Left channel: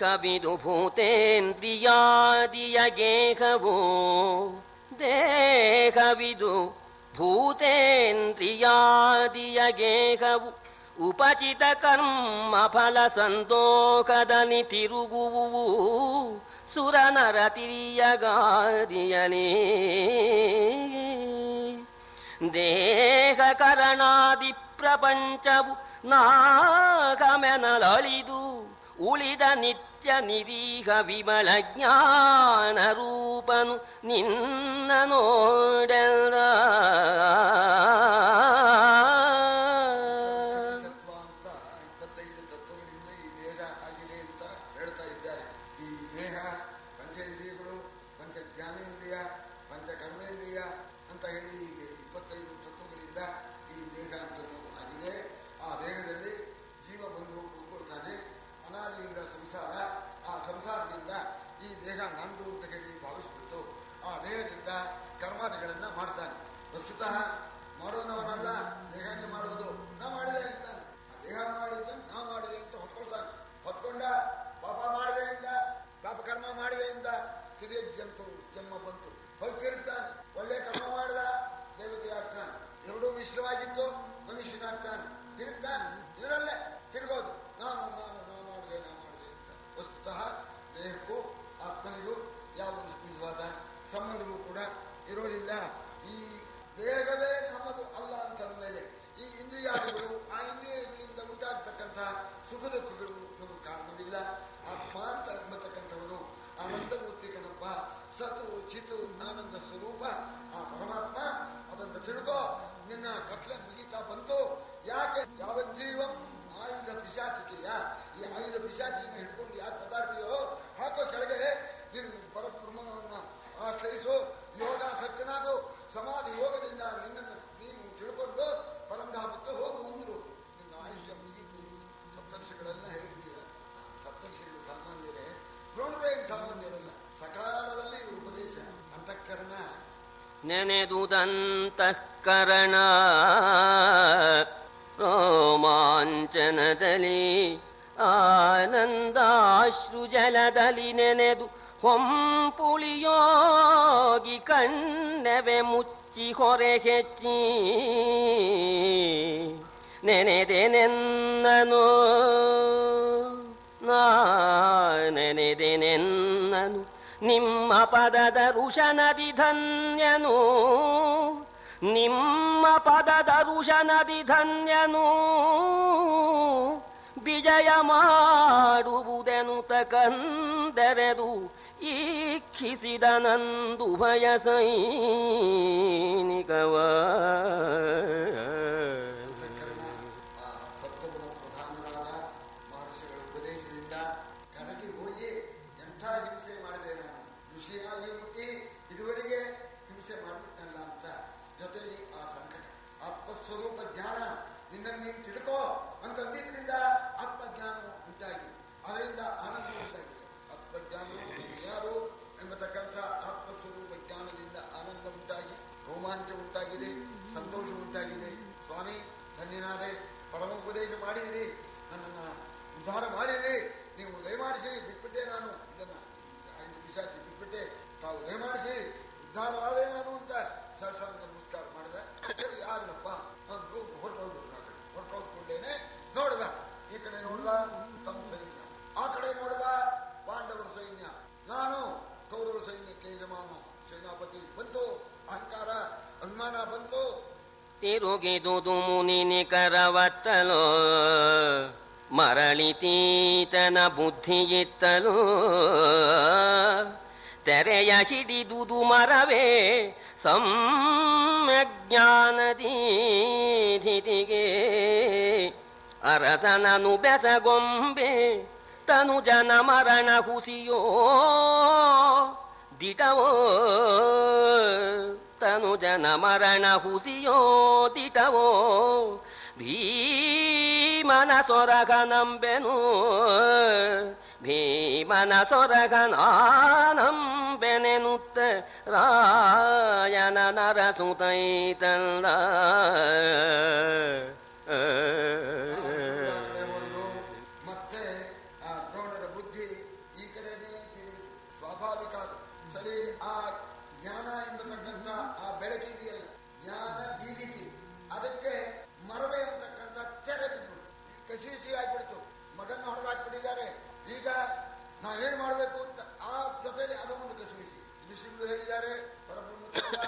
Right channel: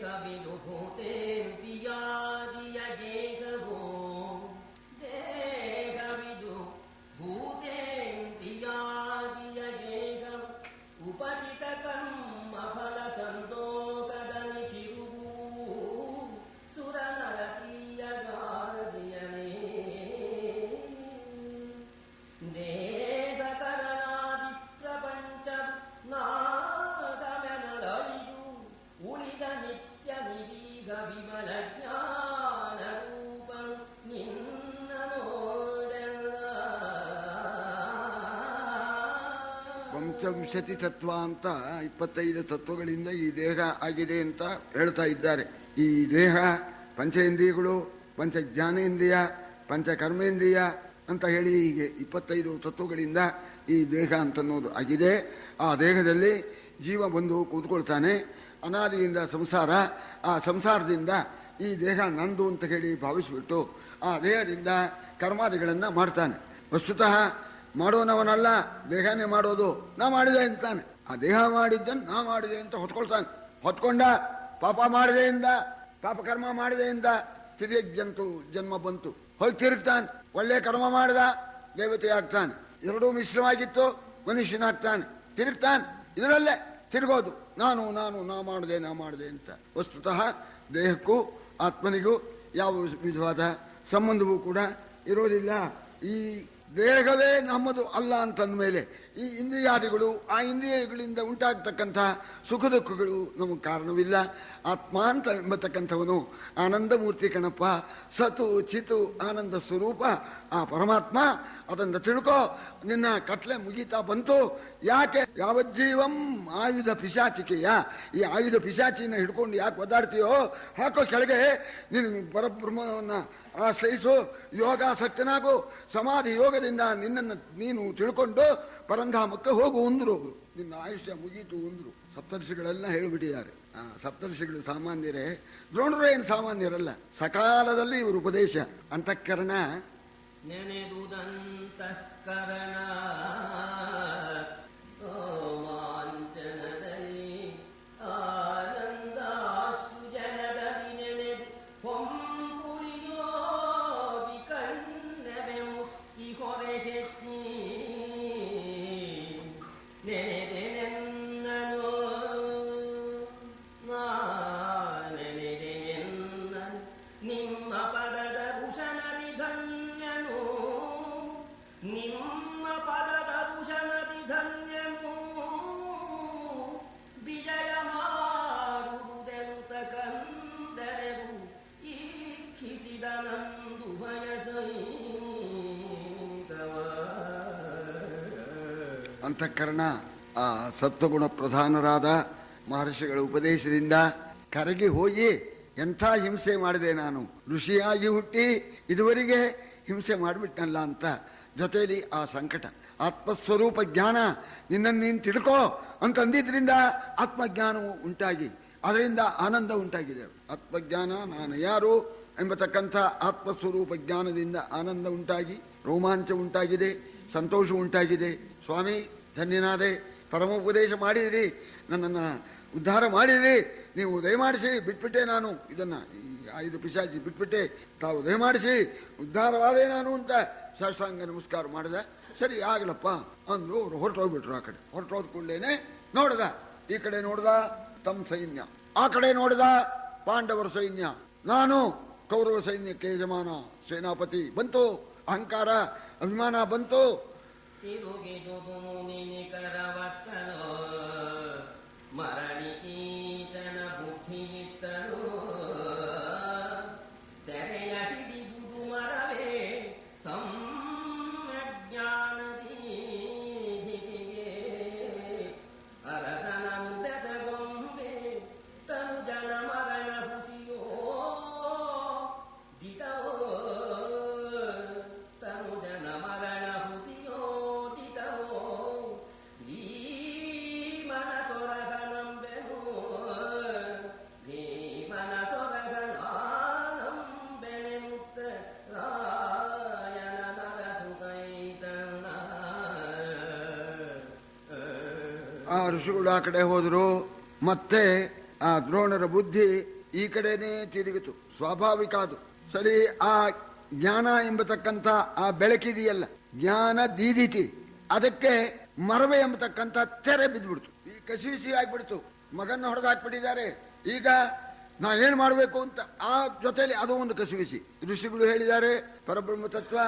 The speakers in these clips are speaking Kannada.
ದೇಹವಿದು ಭೂತೇಂದ್ರಿಯಾದಿಯ ಗೇಹವು ದೇಹವಿದು ಭೂತೇಂದ್ರಿಯಾದಿಯ ಗೇಹವು ಉಪಚಿತ ಕರ್ಮ ಫಲ ಸಂತೋಷದಲ್ಲಿ ತಿರುಗುವು ಸುರನರ ತಿರಿಯಗಾದಿಯಲೇ ದೇಹ ಕರಣಾದಿ ಪ್ರಪಂಚವು ನಾಗಮೆನಲಳಿದು ಉಳಿದ ನಿತ್ಯ ನಿರೀಹ ವಿಮಲ ಜ್ಞಾನ ರೂಪನು ನಿನ್ನ ನೋಡೆಲ್ಲ ಪಂಚವಿಂಶತಿ ತತ್ವ ಅಂತ 25 ತತ್ವಗಳಿಂದ ಈ ದೇಹ ಆಗಿದೆ ಅಂತ ಹೇಳ್ತಾ ಇದ್ದಾರೆ. ಈ ದೇಹ ಪಂಚೇಂದ್ರಿಯಗಳು, ಪಂಚ ಜ್ಞಾನೇಂದ್ರಿಯ, ಪಂಚ ಕರ್ಮೇಂದ್ರಿಯ ಅಂತ ಹೇಳಿ ಹೀಗೆ 25 ತತ್ವಗಳಿಂದ ಈ ದೇಹ ಅಂತನ್ನೋದು ಆಗಿದೆ. ಆ ದೇಹದಲ್ಲಿ ಜೀವ ಬಂದು ಕೂತ್ಕೊಳ್ತಾನೆ. ಅನಾದಿಯಿಂದ ಸಂಸಾರ, ಆ ಸಂಸಾರದಿಂದ ಈ ದೇಹ ನಂದು ಅಂತ ಹೇಳಿ ಭಾವಿಸಿಬಿಟ್ಟು ಆ ದೇಹದಿಂದ ಕರ್ಮಾದಿಗಳನ್ನು ಮಾಡ್ತಾನೆ. ವಸ್ತುತಃ ಮಾಡೋನವನಲ್ಲ, ದೇಹನೇ ಮಾಡೋದು. ನಾ ಮಾಡಿದೆ ಅಂತಾನೆ. ಆ ದೇಹ ಮಾಡಿದ್ದನ್ನು ನಾ ಮಾಡಿದೆ ಅಂತ ಹೊತ್ಕೊಳ್ತಾನೆ. ಹೊತ್ಕೊಂಡ ಪಾಪ ಮಾಡಿದೆಯಿಂದ, ಪಾಪ ಕರ್ಮ ಮಾಡಿದೆಯಿಂದ ತಿರುಗಿ ಜನ್ಮ ಬಂತು, ಹೋಗಿ ತಿರುಗ್ತಾನೆ. ಒಳ್ಳೆ ಕರ್ಮ ಮಾಡಿದ ದೇವತೆ ಆಗ್ತಾನೆ. ಎರಡೂ ಮಿಶ್ರವಾಗಿತ್ತು, ಮನುಷ್ಯನಾಗ್ತಾನೆ. ತಿರುಗ್ತಾನೆ. ಇದರಲ್ಲೇ ತಿರುಗೋದು, ನಾನು ನಾನು ನಾ ಮಾಡಿದೆ ಅಂತ. ವಸ್ತುತಃ ದೇಹಕ್ಕೂ ಆತ್ಮನಿಗೂ ಯಾವ ವಿಧವಾದ ಸಂಬಂಧವೂ ಕೂಡ ಇರೋದಿಲ್ಲ. ಈ ದೇಹವೇ ನಮ್ಮದು ಅಲ್ಲ ಅಂತಂದಮೇಲೆ ಈ ಇಂದ್ರಿಯಾದಿಗಳು, ಆ ಇಂದ್ರಿಯಗಳಿಂದ ಉಂಟಾಗ್ತಕ್ಕಂಥ ಸುಖ ದುಃಖಗಳು ನಮಗೆ ಕಾರಣವಿಲ್ಲ. ಆತ್ಮ ಅಂತ ಎಂಬತಕ್ಕಂಥವನು ಆನಂದ ಮೂರ್ತಿ ಕಣಪ್ಪ. ಸತು ಚಿತು ಆನಂದ ಸ್ವರೂಪ ಆ ಪರಮಾತ್ಮ. ಅದನ್ನು ತಿಳ್ಕೋ. ನಿನ್ನ ಕತ್ಲೆ ಮುಗೀತಾ ಬಂತು. ಯಾಕೆ ಯಾವಜ್ಜೀವಂ ಆಯುಧ ಪಿಶಾಚಿಕೆಯ, ಈ ಆಯುಧ ಪಿಶಾಚಿನ ಹಿಡ್ಕೊಂಡು ಯಾಕೆ ಒದ್ದಾಡ್ತೀಯೋ? ಹಾಕೋ ಕೆಳಗೆ. ನಿನ್ನ ಪರಬ್ರಹ್ಮವನ್ನು ಆಶ್ರಯಿಸು, ಯೋಗಾಸಕ್ತನಾಗು. ಸಮಾಧಿ ಯೋಗದಿಂದ ನಿನ್ನನ್ನು ನೀನು ತಿಳ್ಕೊಂಡು ಪರಂಧಾಮಕ್ಕೆ ಹೋಗು ಅಂದ್ರು. ನಿನ್ನ ಆಯುಷ್ಯ ಮುಗೀತು ಅಂದ್ರು. ಸಪ್ತರ್ಷಿಗಳೆಲ್ಲ ಹೇಳಿಬಿಟ್ಟಿದ್ದಾರೆ. ಸಪ್ತರ್ಷಿಗಳು ಸಾಮಾನ್ಯರೇ, ದ್ರೋಣರು ಏನು ಸಾಮಾನ್ಯರಲ್ಲ. ಸಕಾಲದಲ್ಲಿ ಇವರು ಉಪದೇಶ. ಅಂತಃಕರಣ ನೆನೆದುದಂತಃಕರಣ ರೋಮಾಂಚನದಲ್ಲಿ ಆನಂದಾಶ್ರು ಜಲದಲ್ಲಿ ನೆನೆದು ಹೊಂಪುಳಿಯೋಗಿ ಕಣ್ಣೆವೆ ಮುಚ್ಚಿ ಹೊರೆ ಹೆಚ್ಚಿ ನೆನೆದೆನೆನ್ನನು ನೆನೆದೆನೆನ್ನನು ನಿಮ್ಮ ಪದದ ಋಷನದಿ ಧನ್ಯನು, ನಿಮ್ಮ ಪದದ ಋಷನದಿ ಧನ್ಯನು. ವಿಜಯ ಮಾಡುವುದೆನುತ ಕಂದೆರೆದು ಈಕ್ಷಿಸಿದನಂದು ಭಯ ಸೈನಿಕವ. ಅಂತಃಕರಣ ಆ ಸತ್ವಗುಣ ಪ್ರಧಾನರಾದ ಮಹರ್ಷಿಗಳ ಉಪದೇಶದಿಂದ ಕರಗಿ ಹೋಗಿ ಎಂಥ ಹಿಂಸೆ ಮಾಡಿದೆ ನಾನು. ಋಷಿಯಾಗಿ ಹುಟ್ಟಿ ಇದುವರೆಗೆ ಹಿಂಸೆ ಮಾಡಿಬಿಟ್ಟನಲ್ಲ ಅಂತ. ಜೊತೆಯಲ್ಲಿ ಆ ಸಂಕಟ. ಆತ್ಮಸ್ವರೂಪ ಜ್ಞಾನ ನಿನ್ನನ್ನು ನೀನು ತಿಳ್ಕೋ ಅಂತಂದಿದ್ರಿಂದ ಆತ್ಮಜ್ಞಾನವು ಉಂಟಾಗಿ ಅದರಿಂದ ಆನಂದ ಉಂಟಾಗಿದೆ. ಆತ್ಮಜ್ಞಾನ, ನಾನು ಯಾರು ಎಂಬತಕ್ಕಂಥ ಆತ್ಮಸ್ವರೂಪ ಜ್ಞಾನದಿಂದ ಆನಂದ ಉಂಟಾಗಿ ರೋಮಾಂಚ ಉಂಟಾಗಿದೆ, ಸಂತೋಷ ಉಂಟಾಗಿದೆ. ಸ್ವಾಮಿ ಧನ್ಯನಾದೆ, ಪರಮೋಪದೇಶ ಮಾಡಿದಿರಿ, ನನ್ನನ್ನು ಉದ್ಧಾರ ಮಾಡಿದಿರಿ, ನೀವು ದಯಮಾಡಿಸಿ. ಬಿಟ್ಬಿಟ್ಟೆ ನಾನು ಇದನ್ನು, ಆಯುಧ ಪಿಶಾಚಿ ಬಿಟ್ಬಿಟ್ಟೆ, ತಾವು ದಯಮಾಡಿಸಿ ಉದ್ಧಾರವಾದೆ ನಾನು ಅಂತ ಸಾಷ್ಟಾಂಗ ನಮಸ್ಕಾರ ಮಾಡಿದ. ಸರಿ ಆಗಲಪ್ಪ ಅಂದ್ರು. ಅವರು ಹೊರಟೋಗ್ಬಿಟ್ರು. ಆ ಕಡೆ ಹೊರಟೋದ್ ಕೂಡಲೇನೆ ನೋಡ್ದ, ಈ ಕಡೆ ನೋಡ್ದ ತಮ್ಮ ಸೈನ್ಯ, ಆ ಕಡೆ ನೋಡ್ದ ಪಾಂಡವರ ಸೈನ್ಯ. ನಾನು ಕೌರವ ಸೈನ್ಯಕ್ಕೆ ಯಜಮಾನ, ಸೇನಾಪತಿ. ಬಂತು ಅಹಂಕಾರ, ಅಭಿಮಾನ ಬಂತು. ತಿರುಗಿದುದು ಮುನಿ ನಿಕರವತ್ತಲೋ ಮರಳಿತೀತನ ಬುದ್ಧಿಯಿತ್ತಲು ತೆರೆಯ ಹಿಡಿದುದು ಮರವೇ ಸಮ್ಯಜ್ಞಾನದೀಧಿತಿಗೆ ಅರಸನನು ಬೆಸಗೊಂಬೆ ತನು ಜನ ಮರಣ ಹುಸಿಯೋ ದಿಟವೋ ತನು ಜನ ಮರಣ ಹುಸಿಯೋ ದಿಟವೋ ಭೀಮನ ಸೊರಗ ನಂಬೆನು ಭೀಮನ ಸೊರಗ ನಾನಂಬೆನೆನುತ್ತ ರಾಯನ ನರಸುತೈತಲ್ಲ. ಆ ಋಷಿಗಳು ಆ ಕಡೆ ಹೋದ್ರು. ಮತ್ತೆ ಆ ದ್ರೋಣರ ಬುದ್ಧಿ ಈ ಕಡೆನೇ ತಿರುಗಿತು. ಸ್ವಾಭಾವಿಕ ಅದು. ಸರಿ, ಆ ಜ್ಞಾನ ಎಂಬತಕ್ಕಂಥ ಆ ಬೆಳಕಿದೆಯಲ್ಲ, ಜ್ಞಾನ ದೀದಿತಿ, ಅದಕ್ಕೆ ಮರವೆ ಎಂಬತಕ್ಕಂಥ ತೆರೆ ಬಿದ್ದುಬಿಡ್ತು. ಈ ಕಸಿವಿಸಿ ಆಗ್ಬಿಡ್ತು. ಮಗನ್ನ ಹೊಡೆದಾಕ್ಬಿಟ್ಟಿದ್ದಾರೆ. ಈಗ ನಾವೇನು ಮಾಡಬೇಕು ಅಂತ ಆ ಜೊತೆಲಿ ಅದು ಒಂದು ಕಸಿವಿಸಿ. ಋಷಿಗಳು ಹೇಳಿದ್ದಾರೆ ಪರಬ್ರಹ್ಮ ತತ್ವ,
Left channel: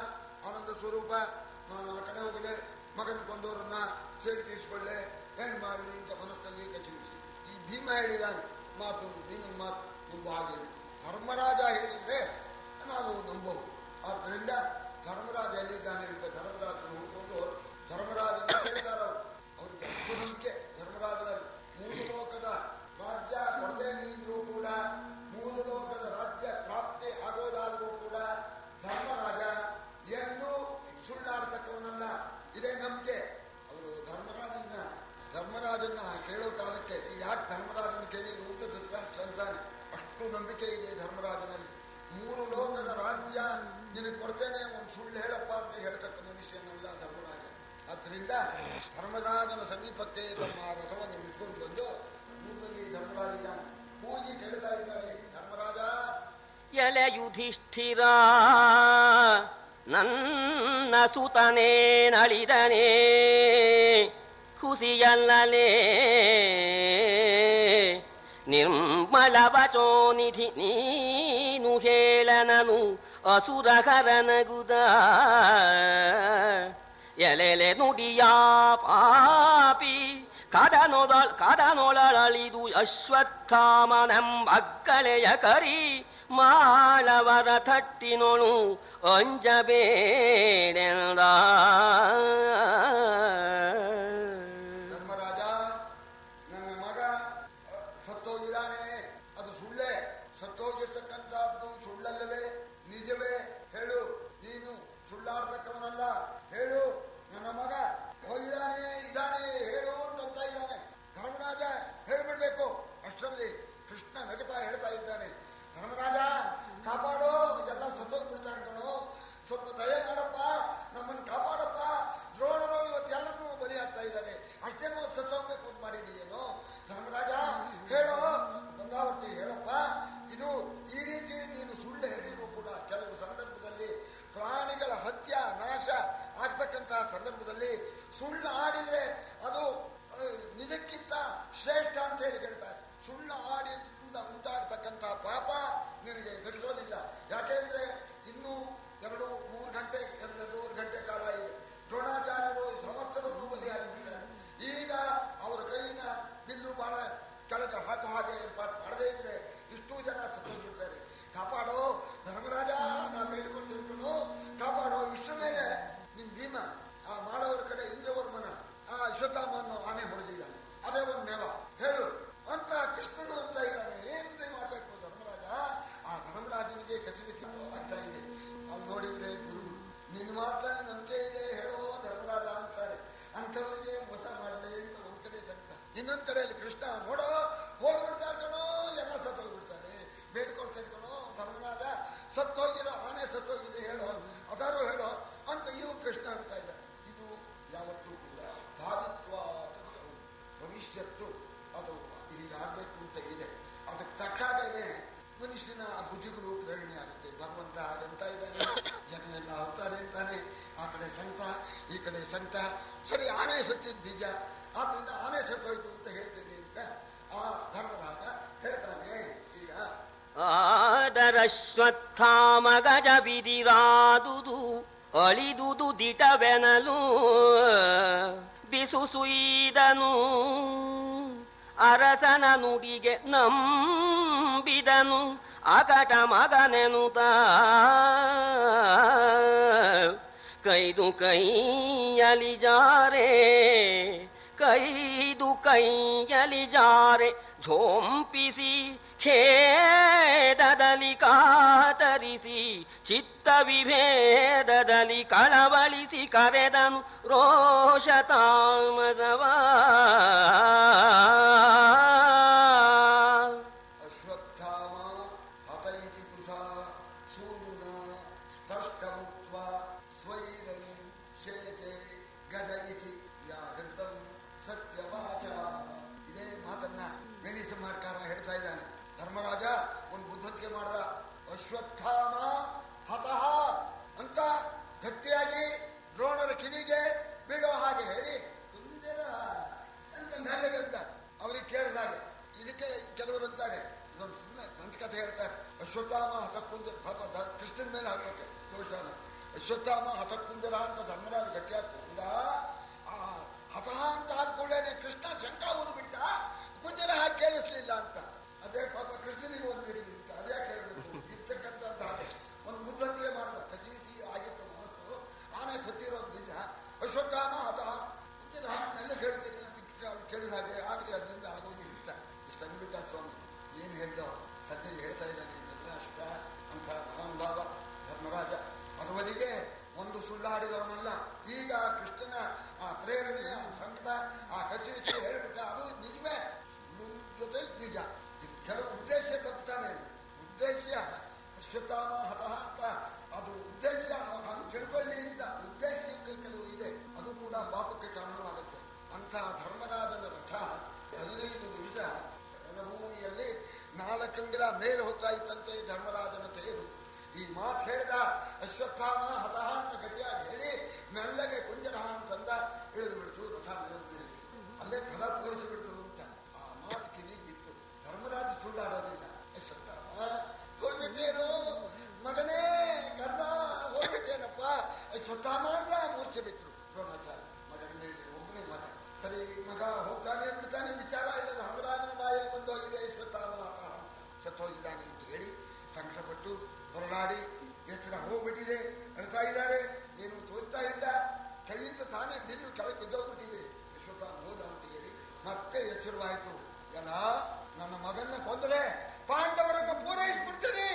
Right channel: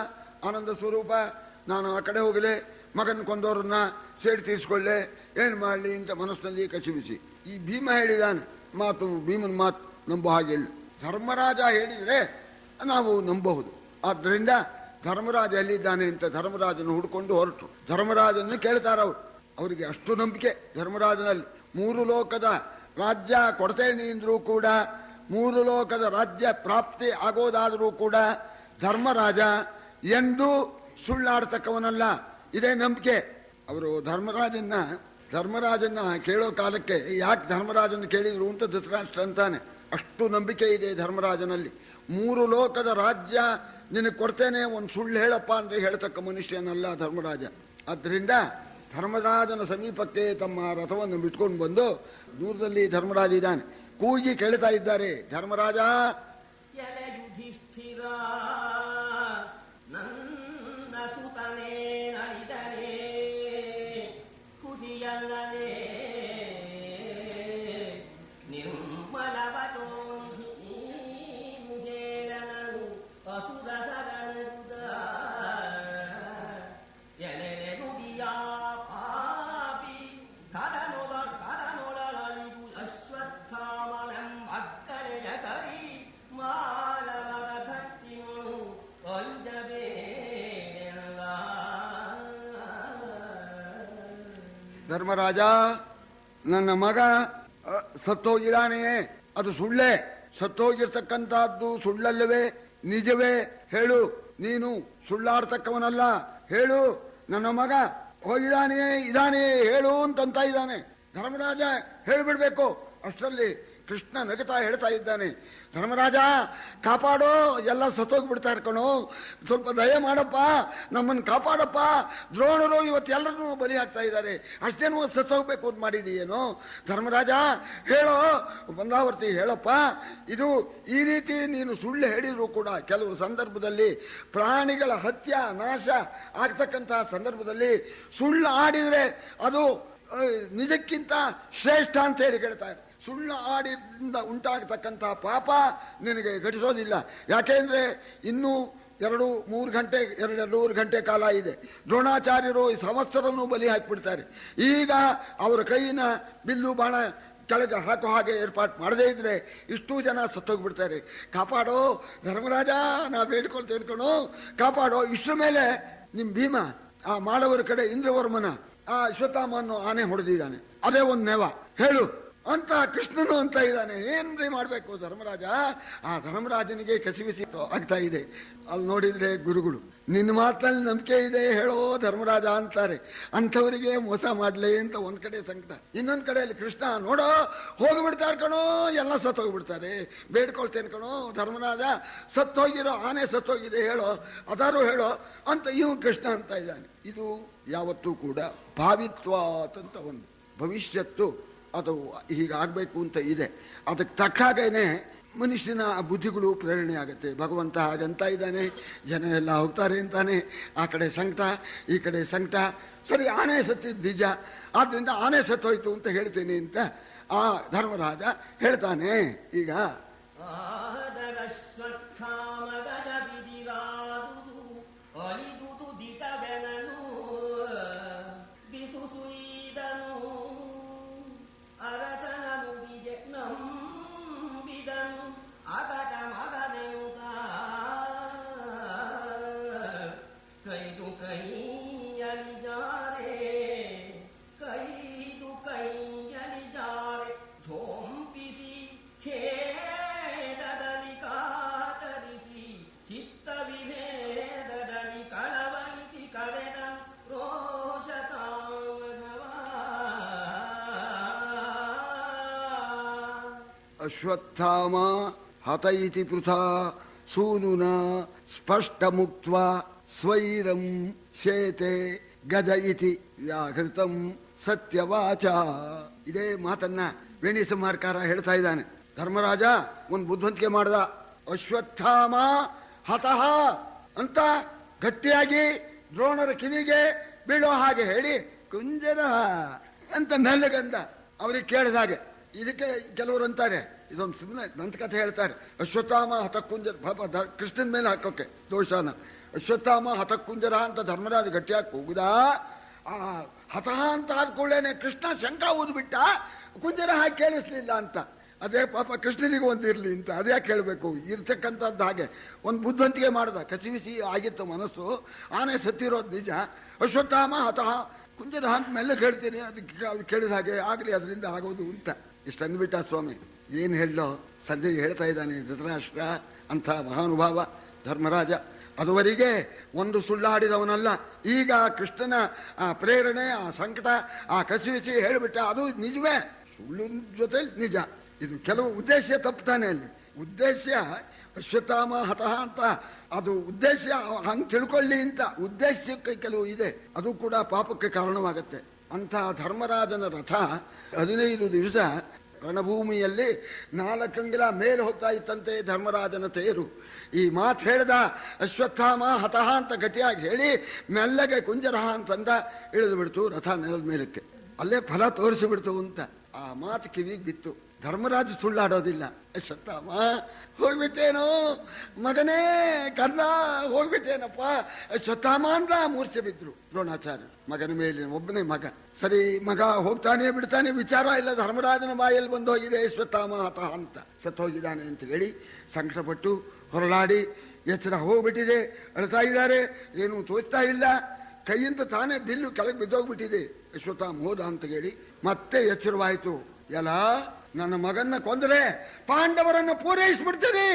ಆನಂದ ಸ್ವರೂಪ, ನಾನು ಆ ಕಡೆ ಹೋಗಲೆ, ಮಗನ ಕೊಂದವ್ರನ್ನ ಸೇಡಿ ತೀರಿಸ್ಕೊಳ್ಳೆ, ಏನು ಮಾಡಲಿ ಅಂತ ಮನಸ್ಸಿನಲ್ಲಿ ಕಸಿವಿಸಿ. ಈ ಭೀಮ ಹೇಳಿದಾನೆ ಮಾತು, ಭೀಮನ ಮಾತು ನಂಬೋ ಹಾಗಿಲ್ಲ. ಧರ್ಮರಾಜ ಹೇಳಿದರೆ ನಾವು ನಂಬಬಹುದು. ಆದ್ದರಿಂದ ಧರ್ಮರಾಜ ಎಲ್ಲಿದ್ದಾನೆ ಅಂತ ಧರ್ಮರಾಜನ ಹುಡ್ಕೊಂಡು ಹೊರಟು. ಧರ್ಮರಾಜನ್ನು ಕೇಳ್ತಾರವ್ರು. ಅವರಿಗೆ ಅಷ್ಟು ನಂಬಿಕೆ ಧರ್ಮರಾಜನಲ್ಲಿ. 3 ಲೋಕದ ರಾಜ್ಯ ಕೊಡ್ತೇನೆ ಅಂದರೂ ಕೂಡ, 3 ಲೋಕದ ರಾಜ್ಯ ಪ್ರಾಪ್ತಿ ಆಗೋದಾದರೂ ಕೂಡ ಧರ್ಮರಾಜ ಎಂದು ಸುಳ್ಳಾಡ್ತಕ್ಕವನಲ್ಲ. ಇದೇ ನಂಬಿಕೆ. ಅವರು ಧರ್ಮರಾಜನ್ನ ಕೇಳೋ ಕಾಲಕ್ಕೆ ಯಾಕೆ ಧರ್ಮರಾಜನ ಕೇಳಿದ್ರು ಅಂತ ಧೃತರಾಷ್ಟ್ರ ಅಂತಾನೆ. ಅಷ್ಟು ನಂಬಿಕೆ ಇದೆ ಧರ್ಮರಾಜನಲ್ಲಿ. 3 ಲೋಕದ ರಾಜ್ಯ ನಿನಗೆ ಕೊಡ್ತೇನೆ, ಒಂದು ಸುಳ್ಳು ಹೇಳಪ್ಪ ಅಂದರೆ ಹೇಳ್ತಕ್ಕ ಮನುಷ್ಯನಲ್ಲ ಧರ್ಮರಾಜ. ಆದ್ದರಿಂದ ಧರ್ಮರಾಜನ ಸಮೀಪಕ್ಕೆ ತಮ್ಮ ರಥವನ್ನು ಬಿಟ್ಕೊಂಡು ಬಂದು, ದೂರದಲ್ಲಿ ಧರ್ಮರಾಜ ಇದ್ದಾನೆ, ಕೂಗಿ ಕೇಳ್ತಾ ಇದ್ದಾರೆ, ಧರ್ಮರಾಜ ಎಲೆ ಯುಧಿಷ್ಠಿರ, ನನ್ನ ಸುತನೇ ನಳಿದನೇ ಖುಷಿಯಲ್ಲಲೇ ನಿರ್ಮಲ ವಚೋನಿಧಿ ನೀನು ಹೇಳನನು ಅಸುರಕರನಗುದ ಎಲೆಲೆ ನುಡಿಯ ಪಾಪಿ ಕಡನೊಳಳಿದು ಅಶ್ವತ್ಥಾಮನೆಂಬಕ್ಕಳೆಯ ಕರಿ ಮಾಳವರ ತಟ್ಟಿನೊಳು ಅಂಜಬೇಡೆಂದ. ಧರ್ಮರಾಜ, ನನ್ನ ಮಗ ಸತ್ತೋಗಿದ್ದಾನೆಯೇ? ಅದು ಸುಳ್ಳೇ? ಸತ್ತೋಗಿರ್ತಕ್ಕಂಥದ್ದು ಸುಳ್ಳಲ್ಲವೇ? ನಿಜವೇ? ಹೇಳು. ನೀನು ಸುಳ್ಳಾಡ್ತಕ್ಕವನಲ್ಲ. ಹೇಳು, ನನ್ನ ಮಗ ಹೋಗಿದ್ದಾನೆಯೇ, ಇದ್ದಾನೆ ಹೇಳು ಅಂತ ಇದ್ದಾನೆ. ಧರ್ಮರಾಜ ಹೇಳಿಬಿಡ್ಬೇಕು. ಅಷ್ಟರಲ್ಲಿ ಕೃಷ್ಣ ನಗುತ್ತಾ ಹೇಳ್ತಾ ಇದ್ದಾನೆ, ಧರ್ಮರಾಜ ಕಾಪಾಡೋ, ಎಲ್ಲ ಸತ್ತೋಗ್ಬಿಡ್ತಾ ಕಣೋ, ಸ್ವಲ್ಪ ದಯ ಮಾಡಪ್ಪ, ನಮ್ಮನ್ನು ಕಾಪಾಡಪ್ಪ. ದ್ರೋಣರು ಇವತ್ತೆಲ್ಲರೂ ಬಲಿ ಆಗ್ತಾ ಇದ್ದಾರೆ, ಅಷ್ಟೇನೋ ಸತ್ತೋಗ್ಬೇಕು ಅಂತ ಮಾಡಿದೀಯೇನೋ? ಧರ್ಮರಾಜ ಹೇಳೋ, ಬಂದಾವರ್ತಿ ಹೇಳಪ್ಪ. ಇದು ಈ ರೀತಿ ನೀನು ಸುಳ್ಳು ಹೇಳಿದ್ರು ಕೂಡ ಕೆಲವು ಸಂದರ್ಭದಲ್ಲಿ ಪ್ರಾಣಿಗಳ ಹತ್ಯ ನಾಶ ಆಗ್ತಕ್ಕಂತಹ ಸಂದರ್ಭದಲ್ಲಿ ಸುಳ್ಳು ಆಡಿದರೆ ಅದು ನಿಜಕ್ಕಿಂತ ಶ್ರೇಷ್ಠ ಅಂತ ಹೇಳಿ ಹೇಳ್ತಾರೆ. ಸುಳ್ಳು ಆಡಿದಿಂದ ಉಂಟಾಗತಕ್ಕಂತಹ ಪಾಪ ನಿನಗೆ ಘಟಿಸೋದಿಲ್ಲ. ಯಾಕೆಂದ್ರೆ ಇನ್ನೂ 2-3 ಗಂಟೆ ಕಾಲ ಇದೆ. ದ್ರೋಣಾಚಾರ್ಯರು ಈ ಸಂವತ್ಸರನ್ನು ಬಲಿ ಹಾಕಿಬಿಡ್ತಾರೆ. ಈಗ ಅವರ ಕೈಯಿನ ಬಿಲ್ಲು ಬಾಣ ಕೆಳಗೆ ಹಾಕೋ ಹಾಗೆ ಏರ್ಪಾಟ್ ಮಾಡದೇ ಇದ್ರೆ ಇಷ್ಟೂ ಜನ ಸತ್ತೋಗ್ಬಿಡ್ತಾರೆ. ಕಾಪಾಡೋ ಧರ್ಮರಾಜ, ನಾ ಬೇಡ್ಕೊಳ್ತೇನೆ ಕಣೋ, ಕಾಪಾಡೋ. ಇಷ್ಟರ ಮೇಲೆ ನಿಮ್ಮ ಭೀಮ ಆ ಮಾಡವರ ಕಡೆ ಇಂದ್ರವರ್ಮನ ಆ ಅಶ್ವತ್ಥಾಮ ಅನ್ನೋ ಆನೆ ಹೊಡೆದಿದ್ದಾನೆ, ಅದೇ ಒಂದು ನೆವ ಹೇಳು ಅಂತ ಕೃಷ್ಣನು ಅಂತ ಇದ್ದಾನೆ. ಏನ್ರಿ ಮಾಡ್ಬೇಕು ಧರ್ಮರಾಜ? ಆ ಧರ್ಮರಾಜನಿಗೆ ಕಸಿವಿಸಿ ಆಗ್ತಾ ಇದೆ. ಅಲ್ಲಿ ನೋಡಿದ್ರೆ ಗುರುಗಳು ನಿನ್ನ ಮಾತಿನಲ್ಲಿ ನಂಬಿಕೆ ಇದೆ ಹೇಳೋ ಧರ್ಮರಾಜ ಅಂತಾರೆ. ಅಂಥವರಿಗೆ ಮೋಸ ಮಾಡ್ಲೇ ಅಂತ ಒಂದ್ ಕಡೆ ಸಂಕಟ, ಇನ್ನೊಂದ್ ಕಡೆಯಲ್ಲಿ ಕೃಷ್ಣ ನೋಡೋ ಹೋಗ್ಬಿಡ್ತಾರೆ ಕಣೋ, ಎಲ್ಲ ಸತ್ತೋಗ್ಬಿಡ್ತಾರೆ, ಬೇಡ್ಕೊಳ್ತೇನೆ ಕಣೋ ಧರ್ಮರಾಜ, ಸತ್ತೋಗಿರೋ ಆನೆ ಸತ್ತೋಗಿದೆ ಹೇಳೋ, ಅದಾರು ಹೇಳೋ ಅಂತ ಇವು ಕೃಷ್ಣ ಅಂತ ಇದ್ದಾನೆ. ಇದು ಯಾವತ್ತೂ ಕೂಡ ಭಾವಿತ್ವಾತ್ ಅಂತ ಒಂದು ಭವಿಷ್ಯತ್ತು ಅದು ಹೀಗಾಗಬೇಕು ಅಂತ ಇದೆ. ಅದಕ್ಕೆ ತಕ್ಕ ಹಾಗೇನೆ ಮನುಷ್ಯನ ಬುದ್ಧಿಗಳು ಪ್ರೇರಣೆ ಆಗುತ್ತೆ. ಭಗವಂತ ಹಾಗಂತ ಇದ್ದಾನೆ, ಜನ ಎಲ್ಲ ಹೋಗ್ತಾರೆ ಅಂತಾನೆ. ಆ ಕಡೆ ಸಂಕಟ, ಈ ಕಡೆ ಸಂಕಟ. ಸರಿ, ಆನೆ ಸತ್ತಿದ್ದು ನಿಜ, ಆದ್ರಿಂದ ಆನೆ ಸತ್ತೋಯ್ತು ಅಂತ ಹೇಳ್ತೇನೆ ಅಂತ ಆ ಧರ್ಮರಾಜ ಹೇಳ್ತಾನೆ. ಈಗ ಆದರಶ್ವತ್ಥಾಮ ಗಜ ಬಿದಿರಾದುದು ಅಳಿದುದು ದಿಟವೆನಲು ಬಿಸುಸುಯಿದನು ಅರಸನ ನುಡಿಗೆ ನಂಬಿದನು ಅಕಟ ಮಗನೆನುತ ಕೈದು ಕೈಯಲಿ ಜಾರೆ ಝೋಂಪಿಸಿ ಖೇದದಲ್ಲಿ ಕಾತರಿಸಿ ಚಿತ್ತ ವಿಭೇದದಲ್ಲಿ ಕಳವಳಿಸಿ ಕರೆದನು ರೋಷ ತಾಮಸವ. ಅಶ್ವತ್ಥಾಮ ಹತ ಇತಿ ಪೃಥಾ ಸೂನುನ ಸ್ಪಷ್ಟ ಮುಕ್ತ್ವಾ ಸ್ವೈರಂ ಶೇತೆ ಗಜ ಇತಿ ವ್ಯಾಹೃತಂ ಸತ್ಯವಾಚ. ಇದೇ ಮಾತನ್ನ ವೇಣಿ ಸಂಹಾರಕಾರ ಹೇಳ್ತಾ ಇದ್ದಾನೆ. ಧರ್ಮರಾಜ ಒಂದು ಬುದ್ಧಿವಂತಿಕೆ ಮಾಡ್ದ. ಅಶ್ವತ್ಥಾಮ ಹತಃ ಅಂತ ಗಟ್ಟಿಯಾಗಿ ದ್ರೋಣರ ಕಿವಿಗೆ ಬೀಳೋ ಹಾಗೆ ಹೇಳಿ ಕುಂಜರ ಅಂತ ಮೆಲ್ಲಗಂದ. ಅವ್ರಿಗೆ ಕೇಳಿದ ಹಾಗೆ. ಇದಕ್ಕೆ ಕೆಲವರು ಅಂತಾರೆ, ಇದೊಂದು ಸುಮ್ಮನೆ ದಂತಕಥೆ ಹೇಳ್ತಾರೆ. ಅಶ್ವತ್ಥಾಮ ಹತಕ್ಕುಂಜರ, ಪಾಪ ಕೃಷ್ಣನ ಮೇಲೆ ಹಾಕೋಕೆ ದೋಷನ. ಅಶ್ವತ್ಥಾಮ ಹತಕ್ಕುಂಜರ ಅಂತ ಧರ್ಮರಾಜ ಗಟ್ಟಿಯಾಗಿ ಕೂಗುದ. ಆ ಹತಃ ಅಂತ ಆದ ಕೂಡಲೇ ಕೃಷ್ಣ ಶಂಕ ಓದ್ಬಿಟ್ಟ, ಕುಂಜರ ಹಾಗೆ ಕೇಳಿಸ್ಲಿಲ್ಲ ಅಂತ. ಅದೇ ಪಾಪ ಕೃಷ್ಣನಿಗೆ ಒಂದಿರಲಿ ಅಂತ ಅದೇ ಕೇಳಬೇಕು ಇರ್ತಕ್ಕಂಥದ್ದು. ಹಾಗೆ ಒಂದು ಬುದ್ಧಿವಂತಿಕೆ ಮಾಡ್ದ. ಕಸಿವಿಸಿ ಆಗಿತ್ತು ಮನಸ್ಸು. ಆನೆ ಸತ್ತಿರೋದು ನಿಜ. ಅಶ್ವತ್ಥಾಮ ಹತಃ ಕುಂಜರ ಅಂತ ಮೇಲೆ ಕೇಳ್ತೀನಿ, ಅದಕ್ಕೆ ಅವ್ರು ಕೇಳಿದ ಹಾಗೆ ಆಗಲಿ, ಅದರಿಂದ ಆಗೋದು ಅಂತ ಇಷ್ಟು ಅಂದ್ಬಿಟ್ಟ ಸ್ವಾಮಿ. ಏನು ಹೇಳೋ ಸಂಜೆ ಹೇಳ್ತಾ ಇದ್ದಾನೆ ಧೃತರಾಷ್ಟ್ರ ಅಂಥ ಮಹಾನುಭಾವ ಧರ್ಮರಾಜ. ಅದುವರೆಗೆ ಒಂದು ಸುಳ್ಳಾಡಿದವನಲ್ಲ. ಈಗ ಕೃಷ್ಣನ ಆ ಪ್ರೇರಣೆ, ಆ ಸಂಕಟ, ಆ ಕಸಿವಿಸಿ ಹೇಳಿಬಿಟ್ಟ. ಅದು ನಿಜವೇ, ಸುಳ್ಳಿನ ಜೊತೆ ನಿಜ. ಇದು ಕೆಲವು ಉದ್ದೇಶ ತಪ್ಪುತ್ತಾನೆ ಅಲ್ಲಿ. ಉದ್ದೇಶ ಅಶ್ವತ್ಥಾಮ ಹತಃ ಅಂತ ಅದು ಉದ್ದೇಶ ಹಂಗೆ ತಿಳ್ಕೊಳ್ಳಿ ಅಂತ ಉದ್ದೇಶಕ್ಕೆ ಕೆಲವು ಇದೆ. ಅದು ಕೂಡ ಪಾಪಕ್ಕೆ ಕಾರಣವಾಗತ್ತೆ. ಅಂಥ ಧರ್ಮರಾಜನ ರಥ 15 ದಿವಸ ರಣಭೂಮಿಯಲ್ಲಿ 4 ಅಂಗುಲ ಮೇಲೆ ಹೋಗ್ತಾ ಇತ್ತಂತೆ ಧರ್ಮರಾಜನ ತೇರು. ಈ ಮಾತು ಹೇಳ್ದ ಅಶ್ವತ್ಥಾಮ ಹತಃ ಅಂತ ಗಟ್ಟಿಯಾಗಿ ಹೇಳಿ ಮೆಲ್ಲಗೆ ಕುಂಜರಹ ಅಂತಂದ. ಇಳಿದು ಬಿಡ್ತು ರಥ ನೆಲದ ಮೇಲಕ್ಕೆ. ಅಲ್ಲೇ ಫಲ ತೋರಿಸಿಬಿಡ್ತು ಅಂತ ಆ ಮಾತು ಕಿವಿಗೆ ಬಿತ್ತು. ಧರ್ಮರಾಜ ಸುಳ್ಳಾಡೋದಿಲ್ಲ. ಅಶ್ವತ್ಥಾಮ ಹೋಗ್ಬಿಟ್ಟೇನೋ ಮಗನೇ, ಕರ್ಣ ಹೋಗ್ಬಿಟ್ಟೇನಪ್ಪ ಅಶ್ವತ್ಥಾಮ ಅಂತ ಮೂರ್ಛೆ ಬಿದ್ರು ದ್ರೋಣಾಚಾರ್ಯ. ಮಗನ ಮೇಲೆ ಒಬ್ಬನೇ ಮಗ. ಸರಿ, ಮಗ ಹೋಗ್ತಾನೆ ಬಿಡ್ತಾನೆ ವಿಚಾರ ಇಲ್ಲ. ಧರ್ಮರಾಜನ ಬಾಯಲ್ಲಿ ಬಂದು ಹೋಗಿದೆ ಅಶ್ವತ್ಥಾಮ ಹತಃ ಅಂತ, ಸತ್ತೋಗಿದ್ದಾನೆ ಅಂತ ಹೇಳಿ ಸಂಕಟಪಟ್ಟು ಹೊರಲಾಡಿ ಎಚ್ಚರ ಹೋಗ್ಬಿಟ್ಟಿದೆ. ಅಳ್ತಾ ಇದ್ದಾರೆ, ಏನು ತೋಚ್ತಾ ಇಲ್ಲ. ಕೈಯಿಂದ ತಾನೇ ಬಿಲ್ಲು ಕೆಳಗೆ ಬಿದ್ದೋಗ್ಬಿಟ್ಟಿದೆ. ಅಶ್ವತ್ಥಾಮ ಹೋದ ಅಂತ ಹೇಳಿ ಮತ್ತೆ ಎಚ್ಚರವಾಯಿತು. ಎಲ್ಲ ನನ್ನ ಮಗನ್ನ ಕೊಂದರೆ ಪಾಂಡವರನ್ನು ಪೂರೈಸ್ಬಿಡ್ತೇನೆ.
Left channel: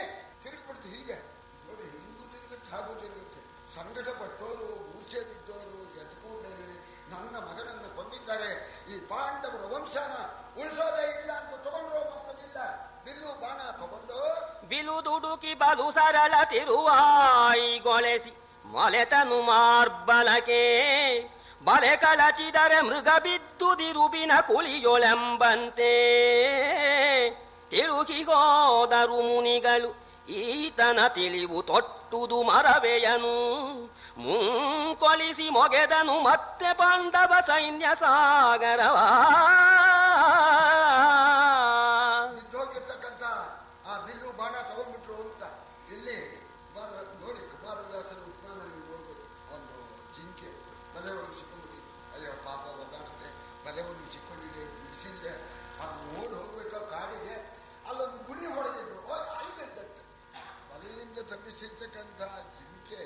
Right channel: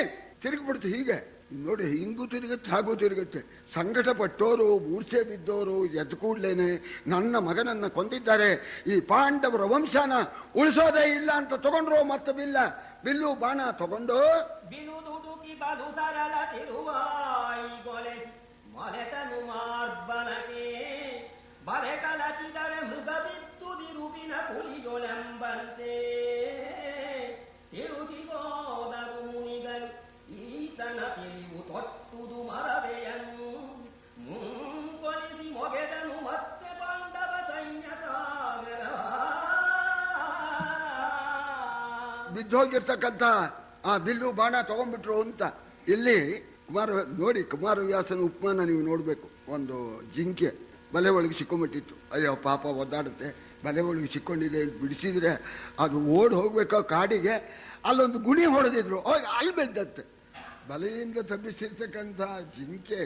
ತಿರುಗಿಬಿಡ್ತು. ಹೀಗೆ ನೋಡಿ, ಹಿಂಗೂ ತಿರುಗುತ್ತೆ ಹಾಗೂ ತಿರುಗುತ್ತೆ. ಸಂಕಟ ಪಟ್ಟೋರು, ಮೂರ್ಛೆ ಬಿದ್ದೋರು ಎದ್ದು ಕೂಡ್ಲೇನೆ ನನ್ನ ಮಗನನ್ನ ಕೊಂದಿದ್ದಾರೆ, ಈ ಪಾಂಡವರ ವಂಶನ ಉಳಿಸೋದೇ ಇಲ್ಲ ಅಂತ ತಗೊಂಡ್ರು. ಮತ್ತೆ ಬಿಲ್ಲು ಬಾಣ ತಗೊಂಡು ಬಿಲು ದುಡುಕಿ ಬದು ಸರಳ ತಿರುವಾಯಿ ಗೊಳೆಸಿ ಮೊಲೆತನು ಮಾರ್ಬಲಕೆ ಬಲೆ ಕಳಚಿದರೆ ಮೃಗ ಬಿತ್ತುದಿರುಬಿನ ಕುಳಿಯೊಳೆಂಬಂತೆ ತಿರುಗಿ ಹೋದರು ಮುನಿಗಳು. ಈತನ ತಿಳಿವು ತೊಟ್ಟುದು ಮರವೆಯನು ಮುಂಕೊಲಿಸಿ ಮೊಗೆದನು ಮತ್ತೆ ಪಾಂಡವ ಸೈನ್ಯ ಸಾಗರವ. ಬಿದ್ದೋಗಿರ್ತಕ್ಕಂಥ ಆ ಬಿಲ್ಲು ಬಾಣ ತಗೊಂಡ್ಬಿಟ್ರು ಅಂತ ಇಲ್ಲಿ ಕುಮಾರವ್ಯಾಸನ ಉಪಮಾನ ನೀವು ನೋಡ್ಬೇಕು. ಒಂದು ಜಿಂಕೆ ಬಲೆ ಒಳಗೆ ಸಿಕ್ಕೊಂಬಿಟ್ಟಿತ್ತು. ಅಯ್ಯೋ ಪಾಪ ಒದ್ದಾಡುತ್ತೆ, ಬಲೆ ಒಳಗೆ ಸಿಕ್ಕೊಂಡಿದೆ, ಬಿಡಿಸಿದ್ರೆ ಅದು ಓಡಿ ಹೋಗ್ಬೇಕೋ ಕಾಡಿಗೆ. ಅಲ್ಲೊಂದು ಗುಣಿ ಹೊಡೆದಿದ್ರು, ಹೋಗಿ ಅಲ್ಲಿ ಬೆದ್ದತ್ತೆ. ಬಲೆಯಿಂದ ತಪ್ಪಿಸಿರ್ತಕ್ಕಂಥ ಜಿಂಕೆ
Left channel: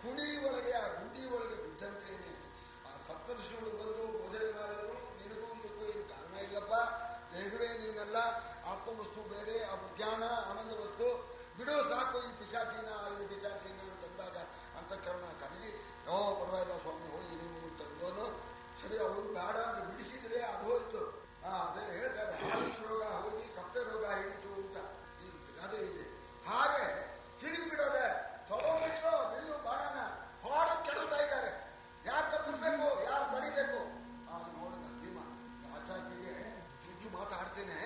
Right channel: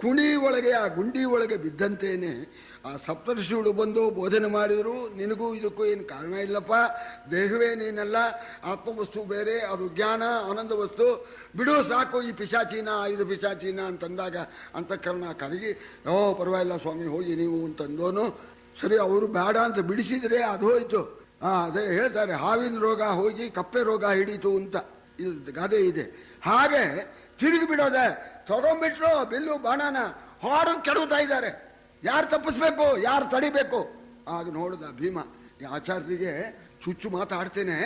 ಕುಣಿ ಒಳಗೆ, ಆ ಗುಂಡಿ ಒಳಗೆ ಬಿದ್ದಂತೇನೆ ಆ ಸಪ್ತರ್ಷಿಗಳು ಬಂದು ಬೋಧನೆ ಮಾಡಿದ್ರು. ನಿನಗೂ ಇದಕ್ಕೂ ಏನು ಕಾರಣ ಇಲ್ಲಪ್ಪ, ದೇಹವೇ ನೀನಲ್ಲ, ಆತ್ಮವಸ್ತು ಬೇರೆ, ಅದು ಜ್ಞಾನ ಆನಂದ ವಸ್ತು, ಬಿಡು ಸಾಕು ಈ ಪಿಶಾಚೀನ, ಇದು ಪಿಶಾಚೀನ ಅಂತಂದಾಗ ಅಂತಃಕರಣ ಕರಗಿ, ಓ ಪರವಾಗಿಲ್ಲ ಸ್ವಾಮಿ ಹೋಗಿ ನೀವು ಅಂತಂದೋನು. ಸರಿ, ಅವರು ಬೇಡ ಅಂತ ಬಿಡಿಸಿದ್ರೆ ಅದು ಹೋಯ್ತು. ಅದೇ ಹೇಳ್ತಾರೆ, ಹಾವಿನ ರೋಗ ಹೋಗಿ ಕಪ್ಪೆ ರೋಗ ಹಿಡೀತು ಅಂತ ಇದು ಗಾದೆ ಇದೆ. ಹಾಗೆ ತಿರುಗಿ ಬಿಡೋದೆ, ತಗೊಂಡ್ಬಿಟ್ರು ಬಿಲ್ಲು ಬಾಣನ, ಹಾಡು ಕೆಡುತ್ತಾ ಇದ್ದಾರೆ. ಯಾರು ತಪ್ಪಿಸ್ಬೇಕು, ಯಾರು ತಡಿಬೇಕು? ಆಗ ನೋಡಿದ ಭೀಮ, ಈ ಆಚಾರ್ಯರಿಗೆ ಚುಚ್ಚು ಮಾತಾಡ್ತೇನೆ